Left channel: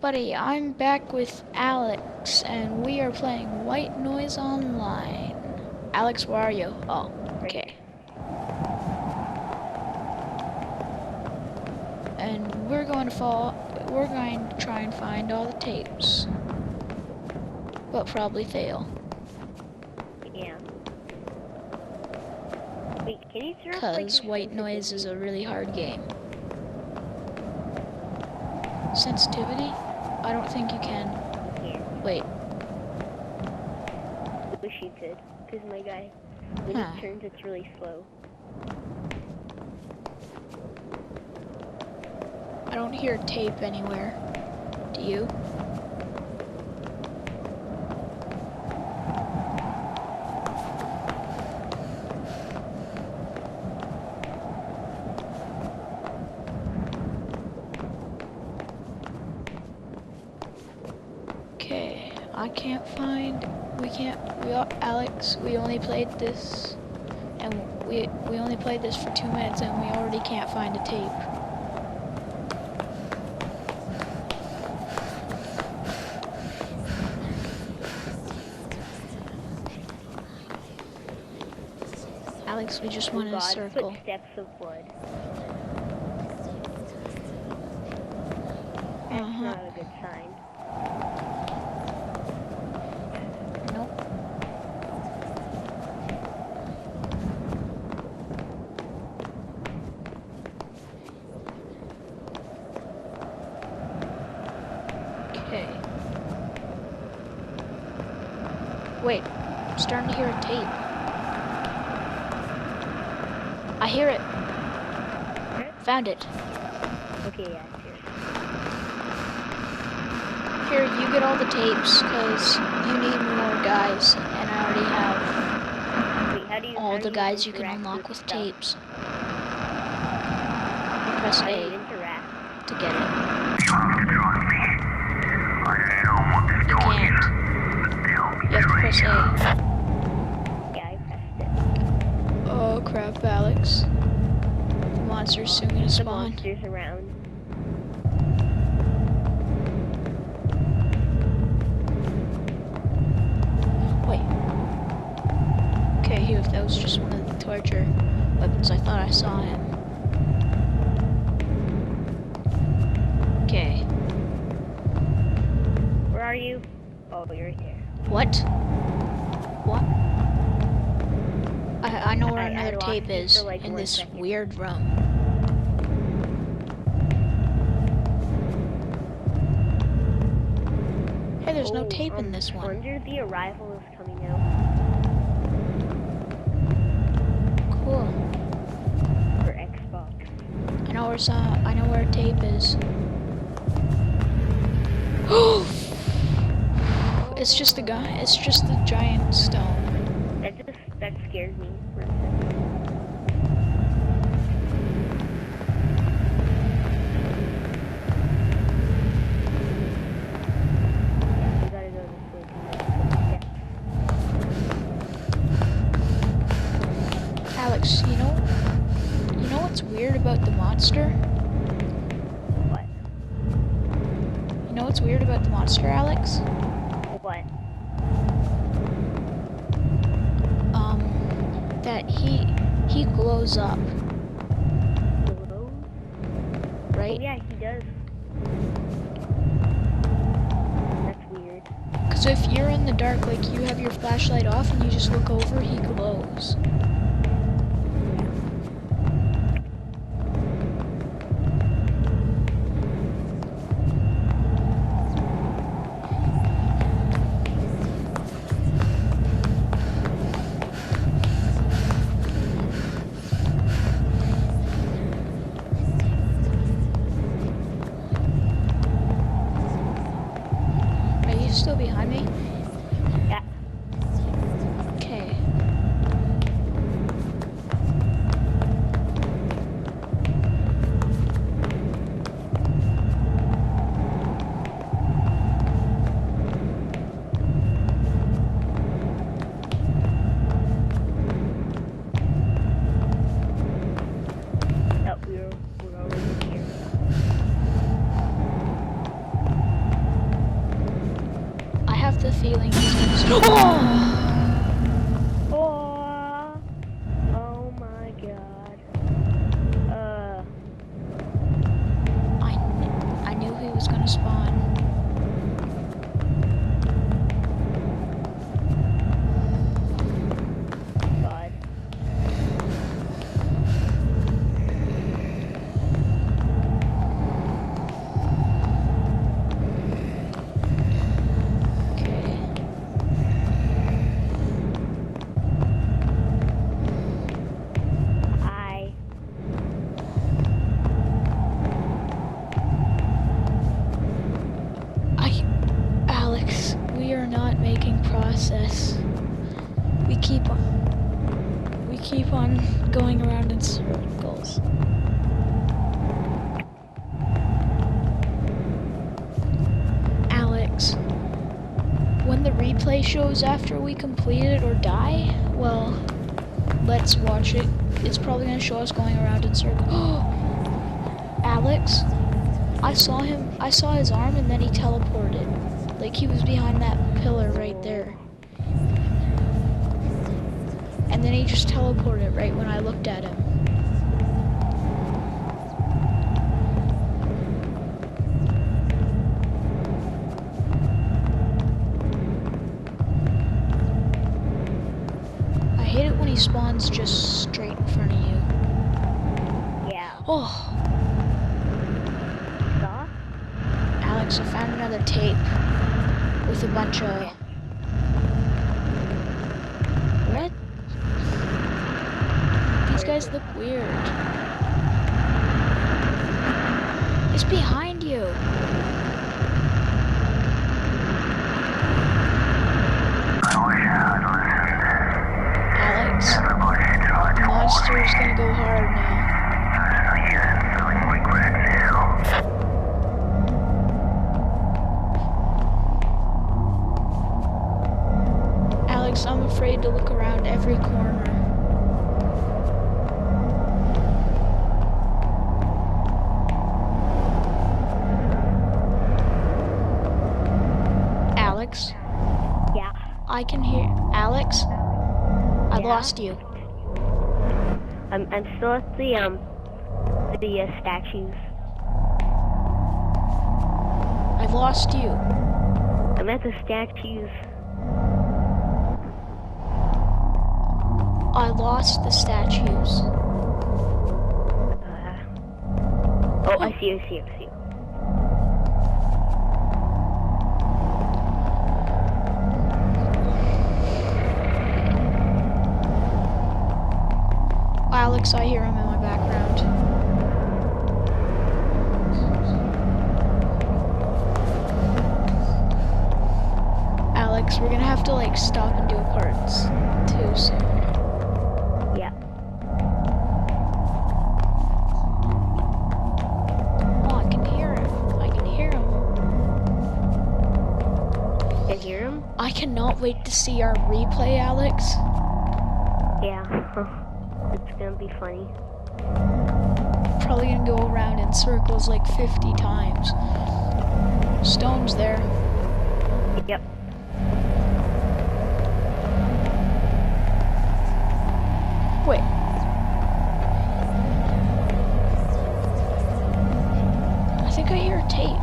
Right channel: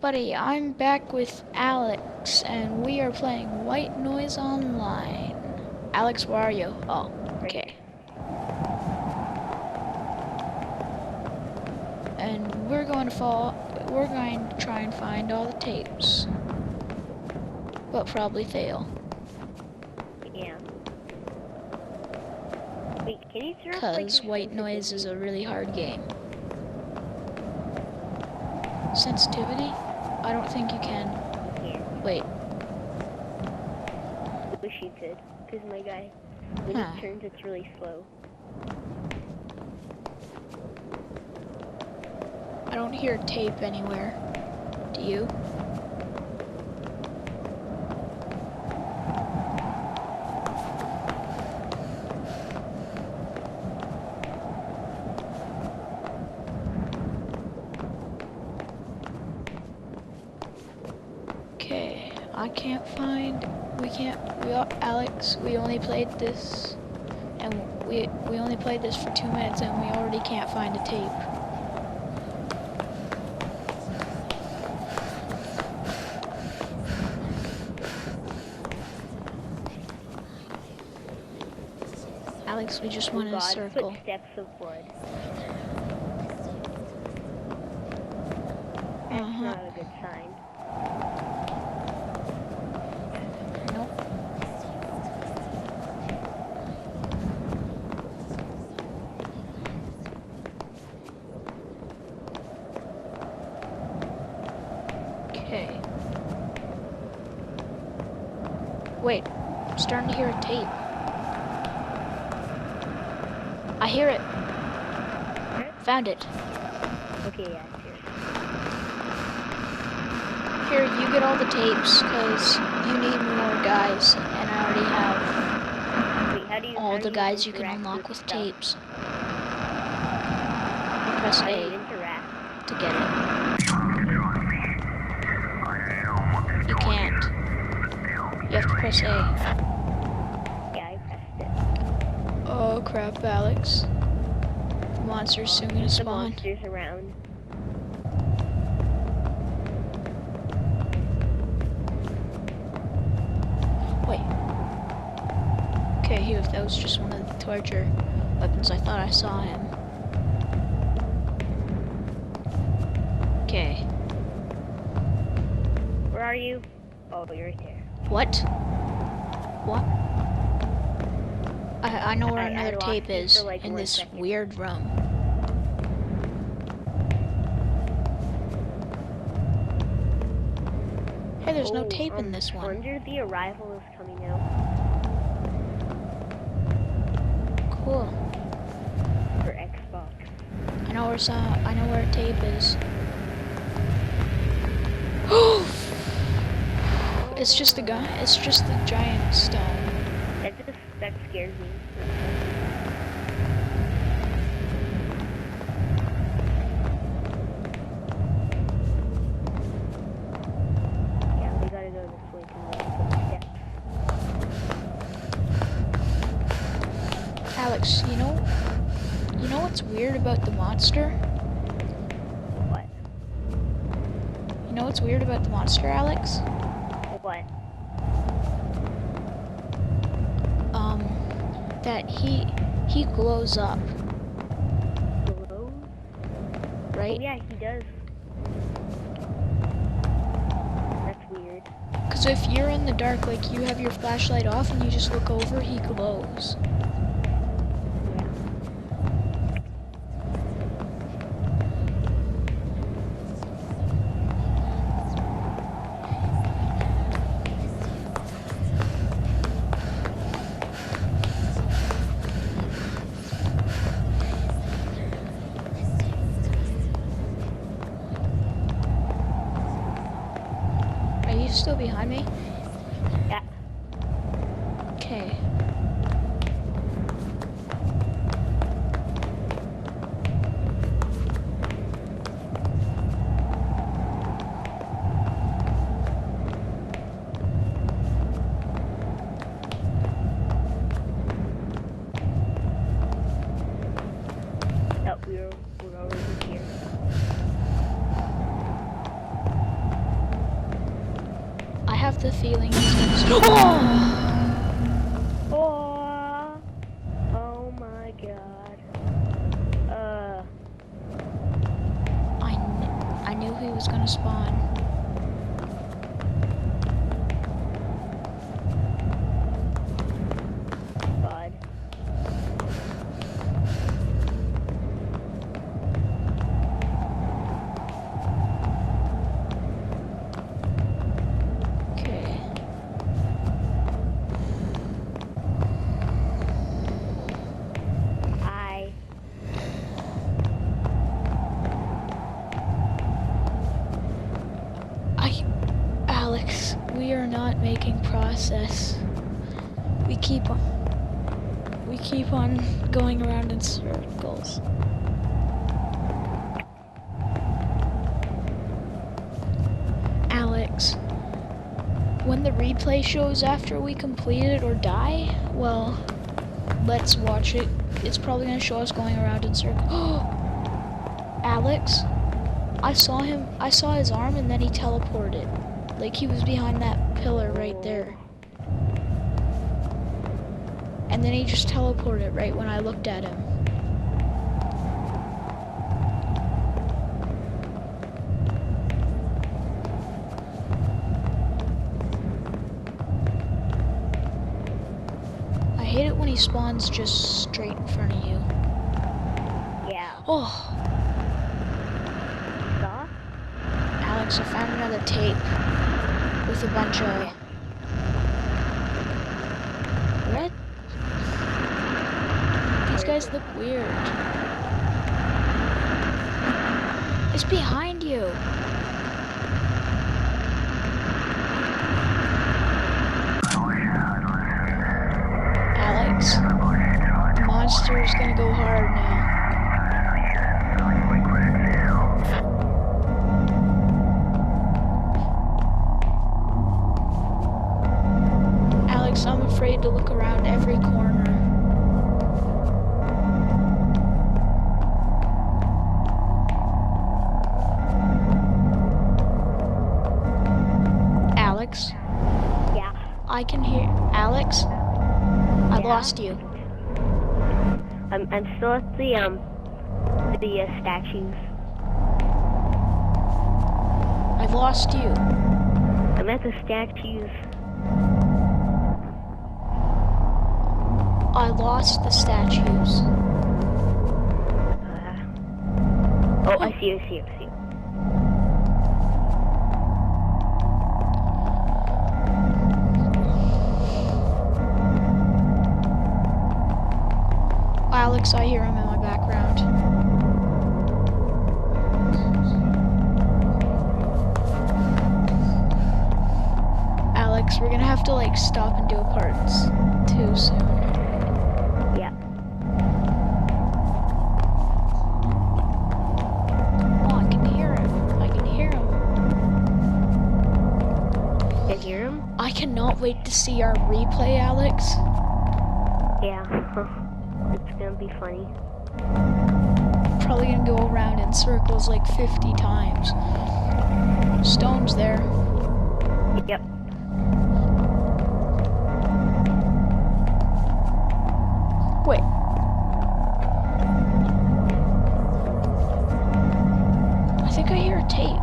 Buddy, I'm back with Alex, and we are playing White Noise Online. Alex, where are you? Oh, okay. And we're going to try and find all the tapes. But probably fail. Yeah. Wait, can you turn off, Because White Noise is a really hard game. Sensitivity? I don't think you can. Yeah. Wait. I wish you could, because my guy, when he turns, it's really slow. I don't hear tape anywhere. Do you? Okay, I can't find. Alex, we only played this, and we only played this for 2 minutes, and we already can't find a tape. Alex, we just went in a circle. Footsteps of blood. That's not a good sign. Nope. Okay. Wait, I'm starting to hear a tape. I hear it. Found it. Okay, yeah, it's here. Here, you get all the tapes, because you need more guys, and I already have all the guys you can unlock with tapes. You press A to get it. You can't. You have to press A. Yeah, I pressed it. Oh crap, Alex. The monster's soon gonna spawn. The monster's around. Wait. Okay, here, that was just one of the torture weapons. I thought I saw him. Okay. Where are you? Oh, you're right there. What? What? I know where another tape is, like in this weird room. Hey, there's no tape in this one. Wonder the Arrival is coming out. Cool. For Xbox. I know where a tape is. It's just the guy. It's just the giant stone. That scares me. Yeah, we gotta go this way to the steps. Alex, you know what's weird about the monster? What? You know what's weird about the monster, Alex? What? That he glows up. Glows? Right? Oh, yeah, he does. That's weird. Because if you're in the dark, like you have your flashlight off and you just look over, he glows. Are you still behind me? Yeah. Okay. Oh, we're already here. have the feeling he's gonna. Oh, oh my god. I knew he was gonna spawn. God. Okay. Alex, we are not making process. We keep on going around in circles. Alex, when the replay shows after we complete it or die, well, let's watch it. It's probably gonna show us going around in circles. Alex, I saw his arm and then he teleported. Like he was behind that pillar right there. And then he just teleported right when I looked at him. I hate it when he spawns just straight in front of you. Yeah. Oh, Saw? Alex, I found another tape with a bunch of... What? These guys look weird. It's behind you. Alex, the monster is gonna go hard now. Alex, I'm afraid to look around every corner. Alex? Yeah. I can hear... Alex? I Yeah? lost you. I'm still at the statues. I lost you. I'm at the statues. I lost the statues. Oh, I see you. Alex, I hear him in my background. Alex, we're gonna have to like stop and do a part 2 soon. Yeah. Oh, I can hear him. Can you hear him? I cannot wait to see our replay, Alex. Yeah. It's gonna be funny. Probably gonna go around in circles like 50 times. Stone's there. Yep. Wait. I think I hear a tape.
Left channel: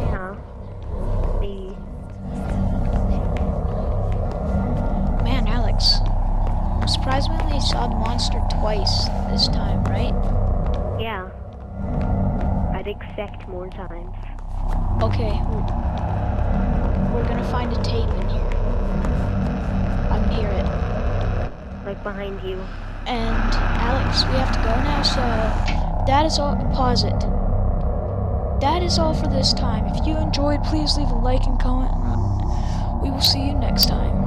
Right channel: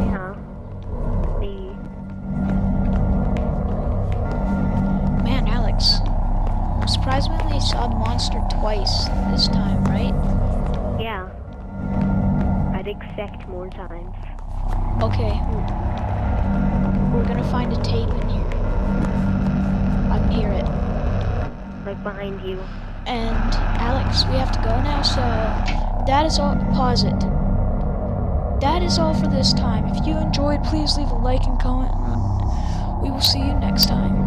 Yeah. Maybe. Man, Alex. I'm surprised we only saw the monster twice this time, right? Yeah. I'd expect more times. Okay. We're gonna find a tape in here. I can hear it. Like behind you. And Alex, we have to go now, so that is all. Pause it. That is all for this time. If you enjoyed, please leave a like and comment. We will see you next time.